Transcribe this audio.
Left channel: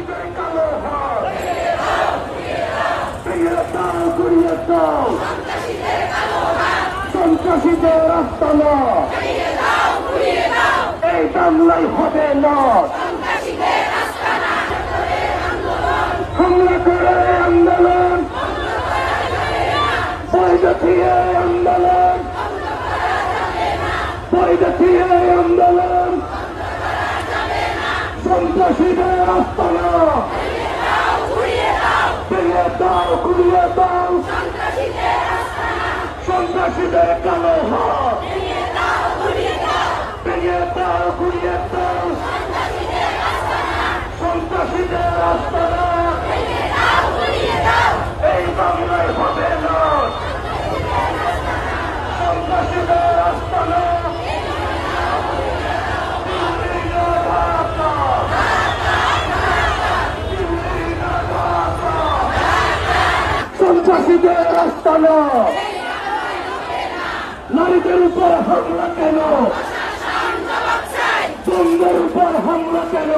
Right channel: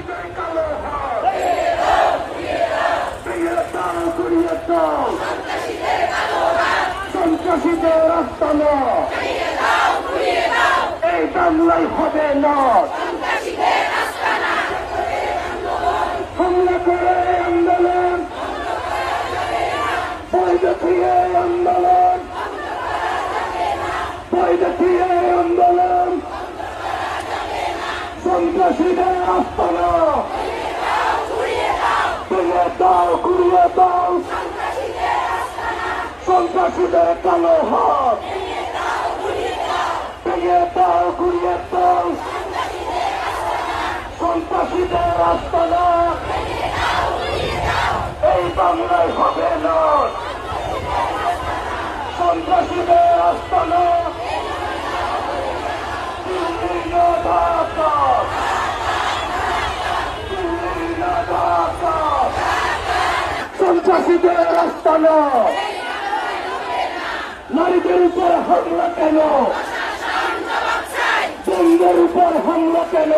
সন্ত্রাসীদের কালো হাত ফিরিয়ে দাও, ঘুরিয়ে দাও সন্ত্রাসীদের আস্তানা। এই বাংলায় হবে না হামলা করে আন্দোলন, বৈধ দিয়ে আন্দোলন, বৈধ দিয়ে আন্দোলন সন্ত্রাসীদের আস্তানা। ফিরিয়ে দাও, ঘুরিয়ে দাও সন্ত্রাসীদের কালো হাত ফিরিয়ে দাও, ঘুরিয়ে দাও সন্ত্রাসীদের আস্তানা। এই বাংলায় হবে না সন্ত্রাসীদের আস্তানা। সন্ত্রাসীদের আস্তানা। নারীদের উপর হামলা কেন? বন্ধের উপর হামলা কেন?